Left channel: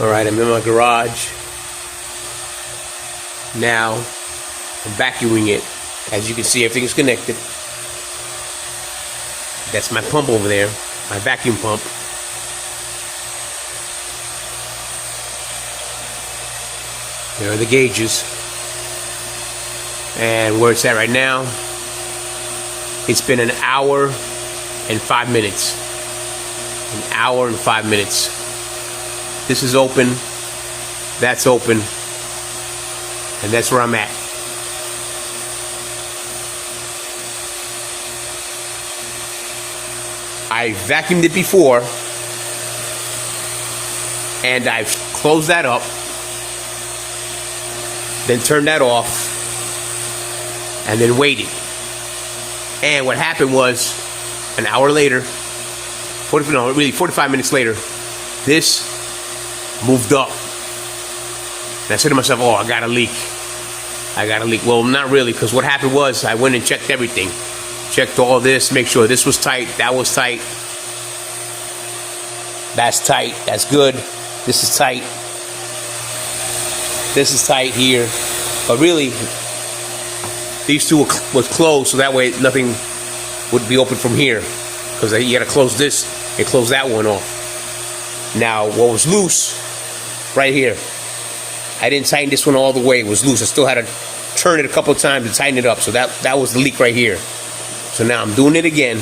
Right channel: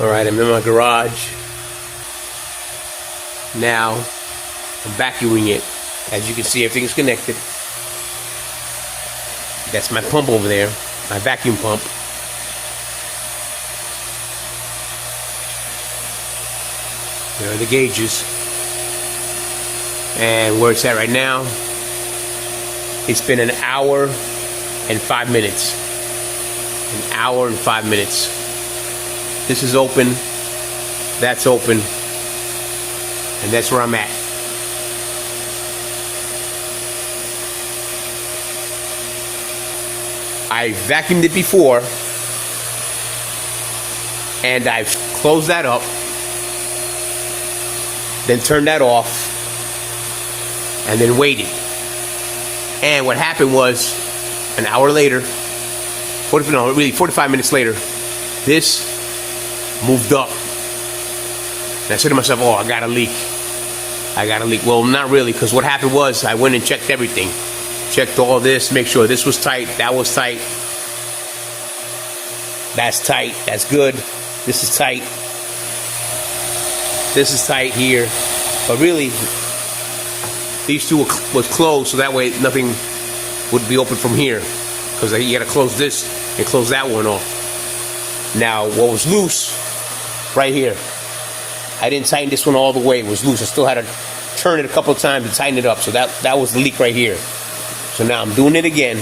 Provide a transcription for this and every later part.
Alright, I'm in my garage. Now, I'm vacuuming it. As you can see, everything's connected. That's my pump over there, my vacuum pump. There are the gauges. And where it's at right now, it's been an hour and 5 minutes. An hour and 5 minutes. This is open, that's open, and that's where I'm at. I vacuumed it before, and I've closed that up, then turned that off, and then waited. And what happened was, an hour later, 45 minutes later, this moved up. And I said to myself, oh, I got a leak. I got a leak. Well, not really, because what happened was I went and checked everything. Checked all this, make sure this was tight, that was tight. That's tight, that's good. This is tight. This is tight here. But really, these two were closed, so that way nothing would be open from here. Because you gotta close this and close that one off. Now, what was loose, right here. I didn't tighten this one all the way, it was loose. I still had to turn it a couple of times and tighten it up. So that was the leak right here. So now I'm doing it again.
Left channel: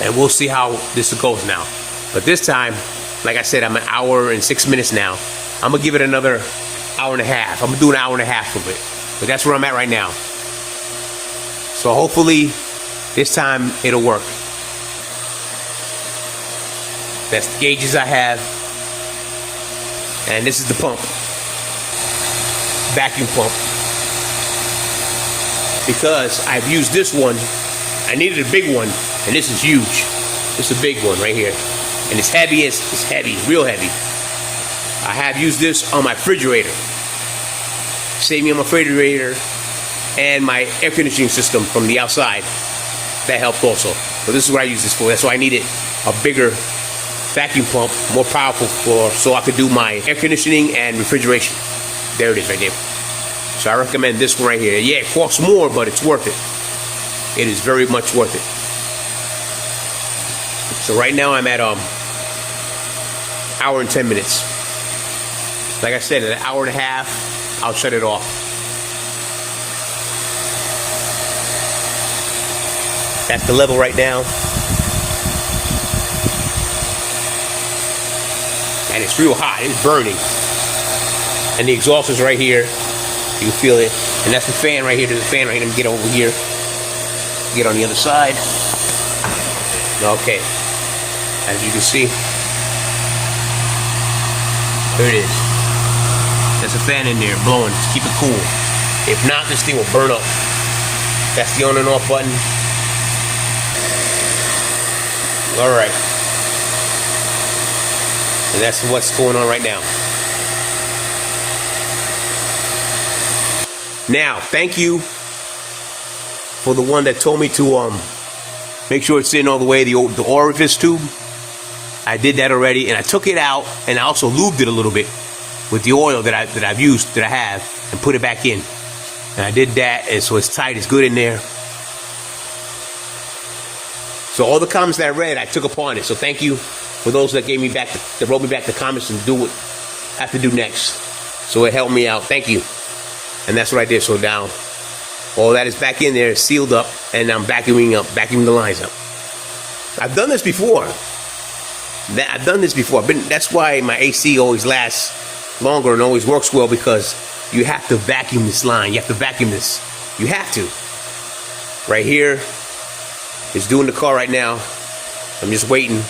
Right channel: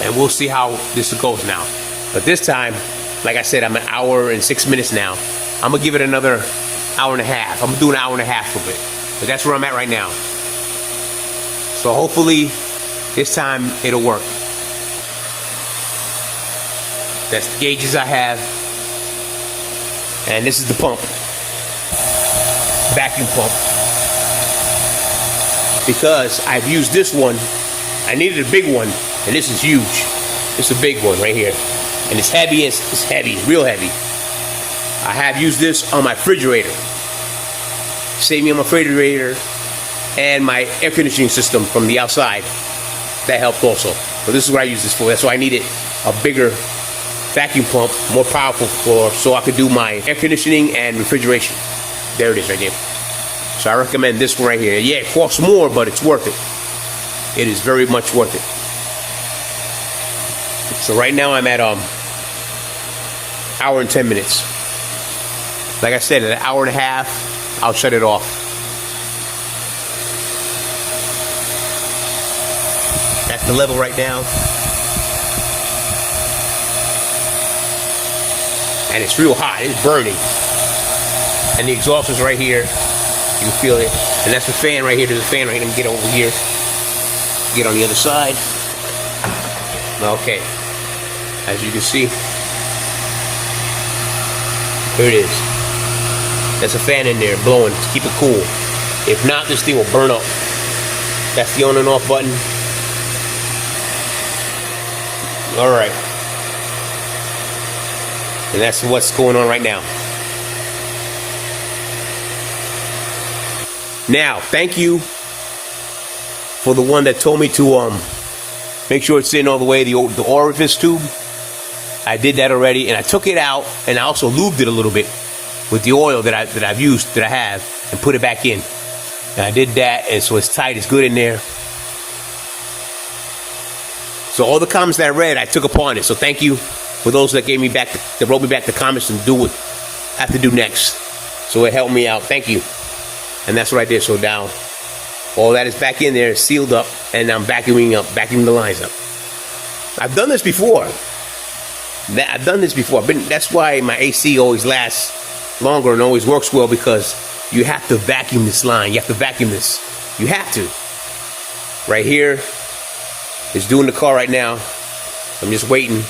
And we'll see how this goes now. But this time, like I said, I'm an hour and 6 minutes now. I'm gonna give it another hour and a half. I'm gonna do an hour and a half of it. But that's where I'm at right now. So hopefully, this time it'll work. That's the gauges I have. And this is the pump. Vacuum pump. Because I've used this one, I needed a big one, and this is huge. This is a big one right here. And it's heavy, it's heavy, real heavy. I have used this on my refrigerator. Saved me on my refrigerator and my air conditioning system from the outside. That helped also. So this is what I use this for. That's why I needed a bigger vacuum pump, more powerful so I could do my air conditioning and refrigeration. There it is right here. So I recommend this one right here. Yeah, it costs more, but it's worth it. It is very much worth it. So right now I'm at hour and 10 minutes. Like I said, in an hour and a half, I'll shut it off. That's the level right now. And it's real hot, it's burning. And the exhaust is right here. You can feel it. And that's the fan right here. There's a fan right here. Let me get over here. Get on the other side. Okay. As you can see. Here it is. There's a fan in there blowing to keep it cool. If not, this thing will burn up. That's the on and off button. Alright. And that's what's going on right now. Now, thank you for the one that told me to make sure it's in all the way, the orifice tube. I did that already, and I took it out, and I also lubed it a little bit with the oil that I've used, that I have, and put it back in. And I did that, and so it's tight, it's good in there. So all the comments that I read, I took upon it. So thank you for those that gave me back, that wrote me back the comments and do what I have to do next. So it helped me out. Thank you. And that's what I did. So down, all that is back in there, sealed up, and I'm vacuuming the lines up. I've done this before. That's why my AC always lasts longer and always works well, because you have to vacuum this line. You have to vacuum this. You have to. Right here. It's doing the car right now. I'm just waiting.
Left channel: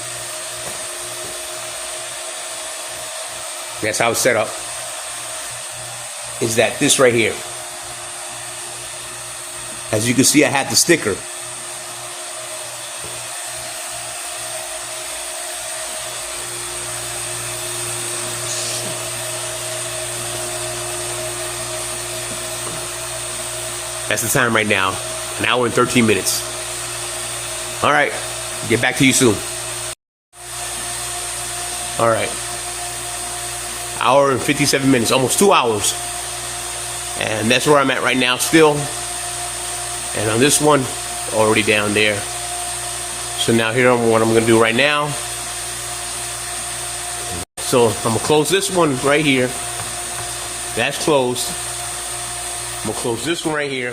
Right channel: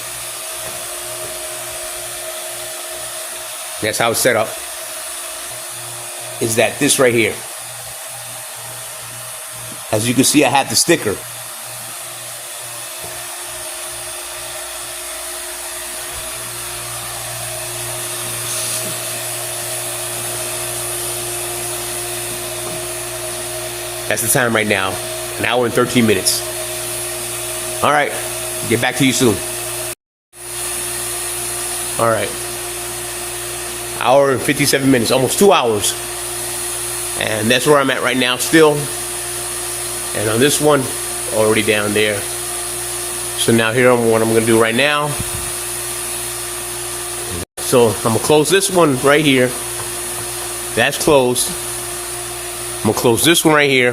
That's how it's set up. Is that this right here. As you can see, I have the sticker. That's the time right now. An hour and 13 minutes. Alright, get back to you soon. All right. Hour and 57 minutes, almost 2 hours. And that's where I'm at right now still. And on this one, already down there. So now here, what I'm gonna do right now. So I'm gonna close this one right here. That's closed. I'm gonna close this one right here.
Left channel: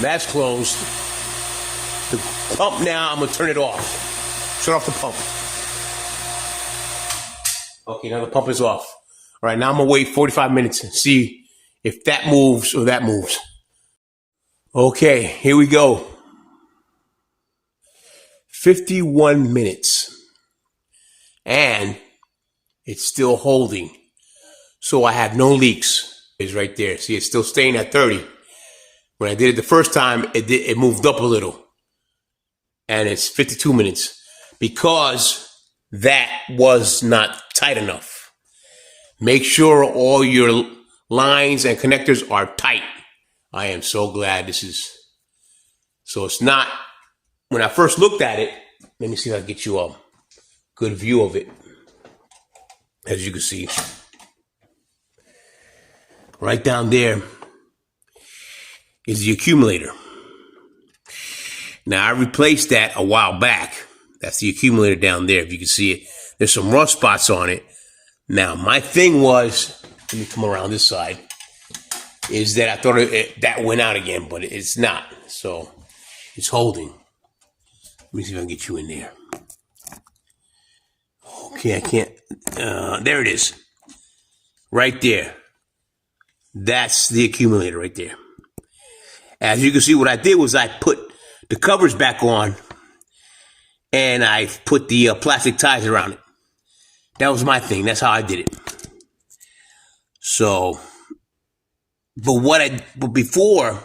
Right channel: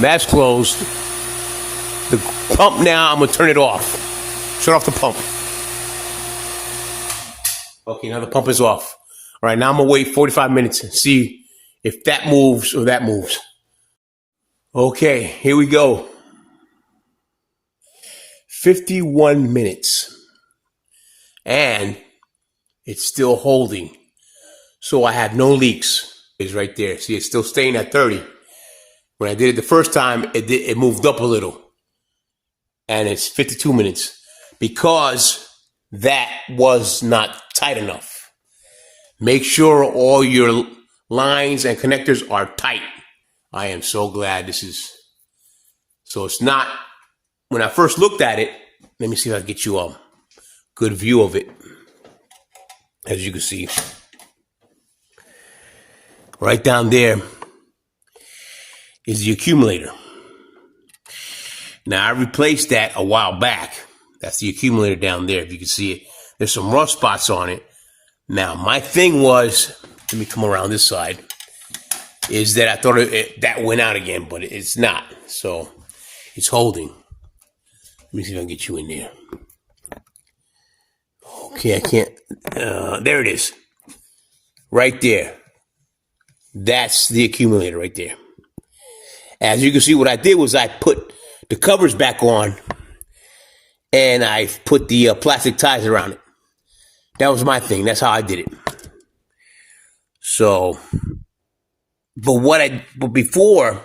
That's closed. The pump now, I'm gonna turn it off. Shut off the pump. Okay, now the pump is off. All right, now I'm gonna wait 45 minutes and see if that moves or that moves. Okay, here we go. 51 minutes. And it's still holding. So I have no leaks. It's right there. See, it's still staying at 30. When I did it the first time, it moved up a little. And it's 52 minutes. Because that was not tight enough. Make sure all your lines and connectors are tight. I am so glad this is. So it's not, when I first looked at it, let me see if I can get you a good view of it. As you can see. Right down there is the accumulator. Now, I replaced that a while back. That's the accumulator down there, if you can see it. There's some rust spots on it. Now, my thing was, let me come around this side, is that I thought that went out again, but it's not. So, it's holding. Let me see if I can get you in there. Okay, I can't. There it is. Right there. That's the accumulator right there. As you can see, what I did was I put the covers back on and I put the plastic ties around it. That was my thing. That's how I did it. So, but before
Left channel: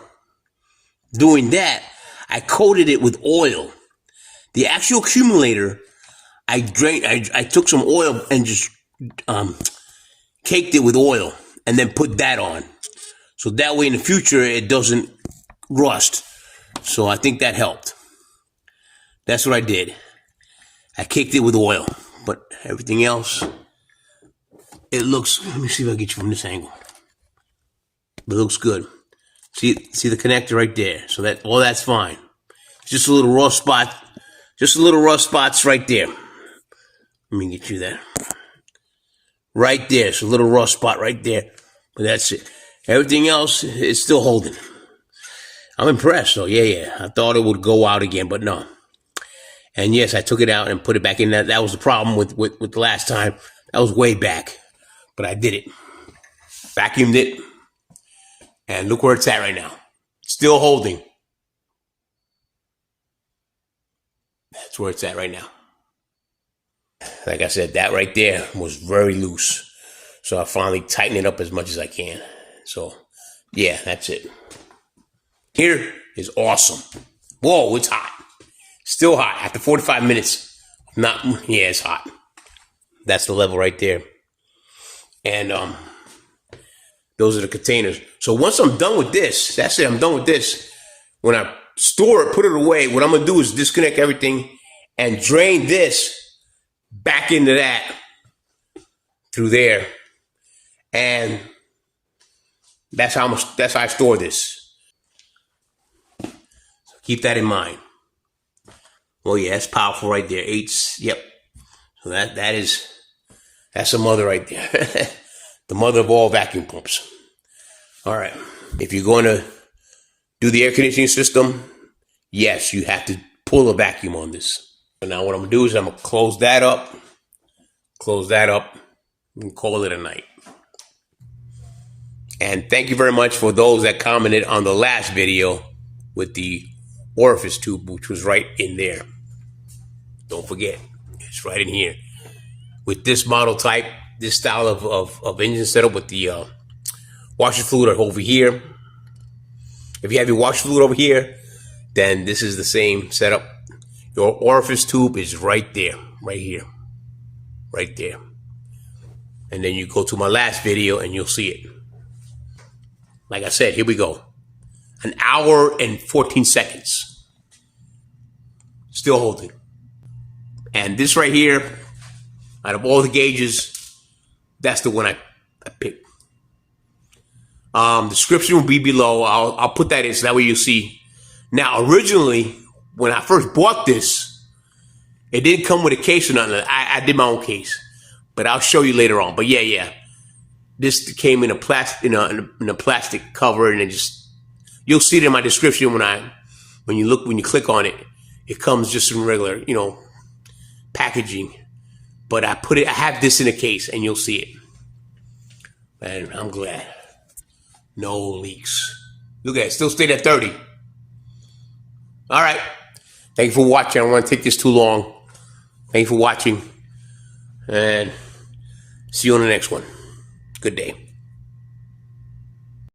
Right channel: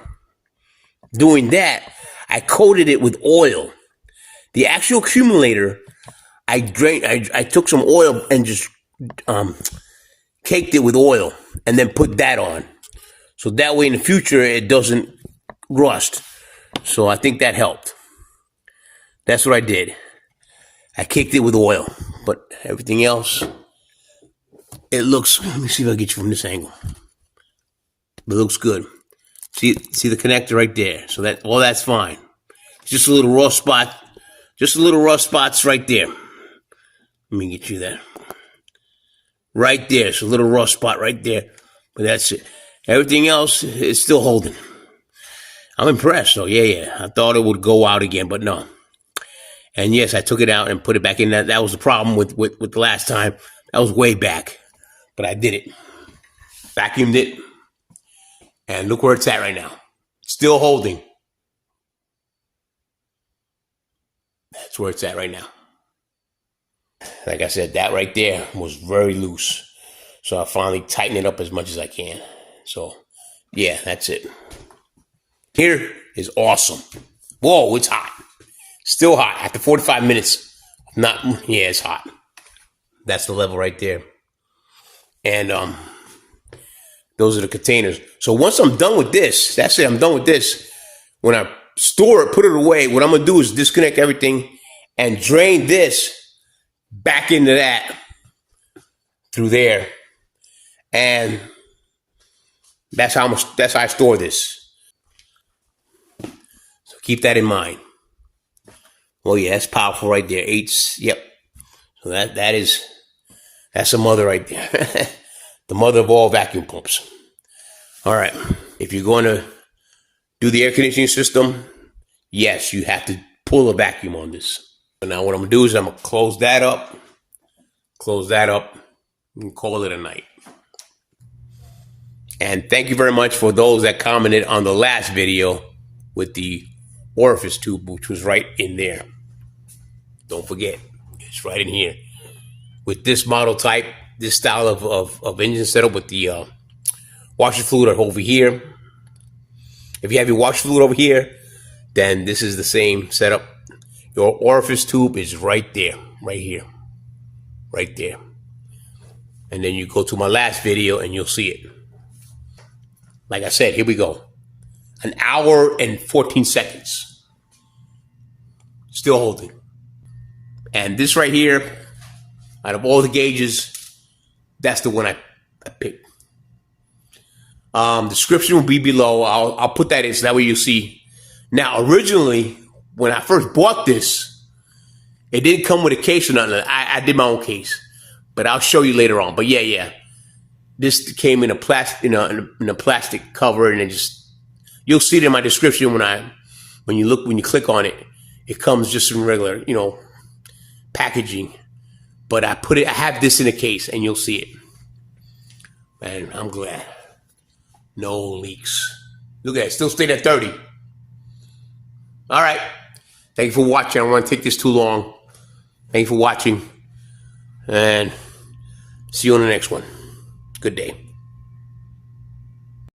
doing that, I coated it with oil. The actual accumulator, I took some oil and just caked it with oil and then put that on. So that way in the future it doesn't rust. So I think that helped. That's what I did. I caked it with oil, but everything else, it looks, let me see if I can get you from this angle. It looks good. See the connector right there. So that all that's fine. Just a little rust spot. Just a little rust spots right there. Let me get you that. Right there. It's a little rust spot right there. But that's it. Everything else is still holding. I'm impressed. So yeah. I thought it would go out again, but no. And yes, I took it out and put it back in. That was the problem with the last time. That was way back. But I did it. Vacuumed it. And look where it's at right now. Still holding. That's where it's at right now. Like I said, that right there was very loose. So I finally tightened it up as much as I can. So, yeah, that's it. Here is awesome. Whoa, it's hot. Still hot. After 45 minutes. It's hot. That's the level right there. And those are the containers. So once I'm done with this, that's it. I'm done with this. When I store it, put it away, what I'm going to do is disconnect everything and drain this back into that through there. And that's how I store this. So keep that in mind. Oh yeah, that's powerful right there. Yep. So that's a mother right there. The mother of all vacuum pumps. All right. If you're going to do the air conditioning system, yes, you have to pull a vacuum on this. So now what I'm going to do is I'm going to close that up, and call it a night. And thank you very much for those that commented on the last video with the orifice tube, which was right in there. Don't forget, it's right in here. With this model type, this style of engine setup with the washer fluid over here. If you have your washer fluid over here, then this is the same setup. Your orifice tube is right there, right here, right there. And then you go to my last video and you'll see it. Like I said, here we go. 1 hour and 14 seconds. Still holding. And this right here, Out of all the gauges, that's the one I picked. Description will be below. I'll put that in so that way you'll see. Now, originally, when I first bought this, it didn't come with a case or nothing. I did my own case, but I'll show you later on. But yeah, this came in a plastic, in a plastic cover, and it just, you'll see it in my description when you click on it. It comes just in regular, packaging. But I have this in a case, and you'll see it. And I'm glad. No leaks. Look at it, still stayed at 30. All right. Thank you for watching. I don't want to take this too long. Thank you for watching. And see you on the next one. Good day.